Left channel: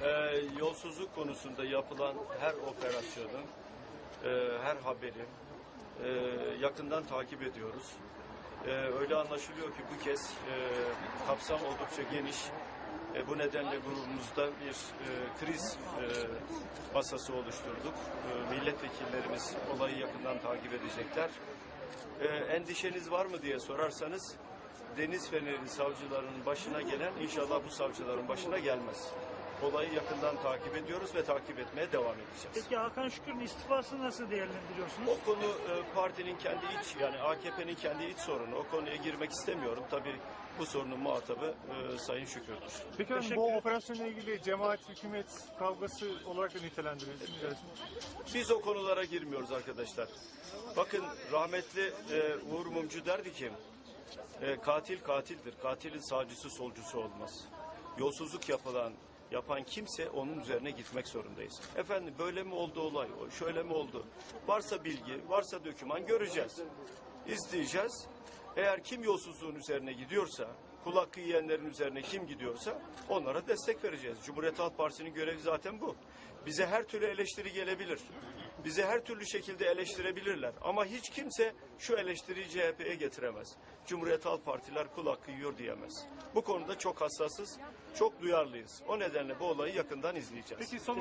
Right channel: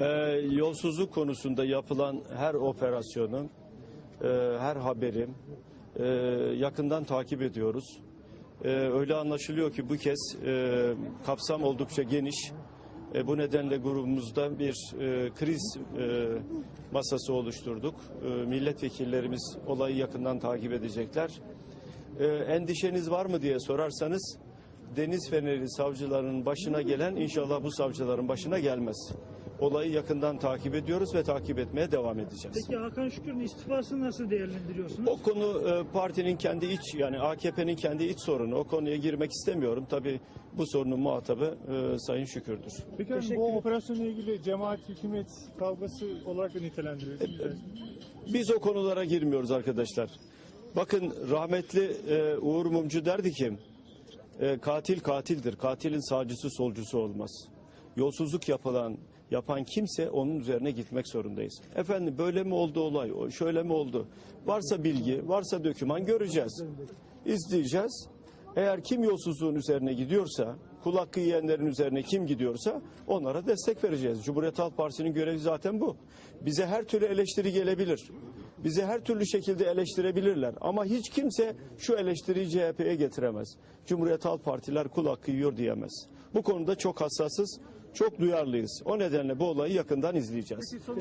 Ee, yolsuzluk konusunda yapılan her operasyonun, e, her haberin e, yakından takip ediyoruz. E, öyle anlaşılıyor ki bu kez e, kapsam oldukça geniş. E, bu nedenle grubumuzda bir e, kriz e, masası oluşturduk. E, milletvekillerimiz olayı yakından takip edecekler. E, endişeniz var mı diye sorarsanız Deniz Feneri savcılarının başına gelen inşallah bu savcıların başına gelmez. Olayı yakından takip ediyoruz ve takip etmeye devam edeceğiz. Peki Hakan Şükür'ün istifasını nasıl değerlendiriyorsunuz? O konu e, partinin kendi iç yani AKP'nin kendi iç sorunu. O konuya girmek istemiyorum. Tabii bu sorunun muhatabı e, Sayın Şükür'dür. Peki Teşekkür bu operasyonla ilgili cemaat hükümet kavgası olarak da nitelendiriyorsunuz. Biz o konulara girmiyoruz arkadaşlar. Bakın rahmetli e, Uğur Mumcu derdi ki e, katil katildir. Katilin sağcısı solcusu olmaz. Yolsuzluk yapılan yapan kimse onun üzerine gitmek zorundayız. Efendim böyle mi oldu olay? Şöyle mi oldu? Varsa bilgi, varsa döküman göreceğiz. İzleyeceğiz. Eğer kim yolsuzluğun üzerine gidiyorsa, kul hakkı yiyenlerin üzerine kim gidiyorsa onlara destek vereceğiz. Cumhuriyet Halk Partisi'nin görevi zaten bu. Bize her türlü eleştiri gelebilir. Bizi her türlü şekilde eleştirebilirler. Ama hiç kimse şu eleştiriyi CHP'ye getiremez. Cumhuriyet Halk Partiler kul hakkı yiyor diyemez. Bu konuda çok hassasız, çok duyarlıyız. O nedenle bu olayı yakından izleyeceğiz. Peki son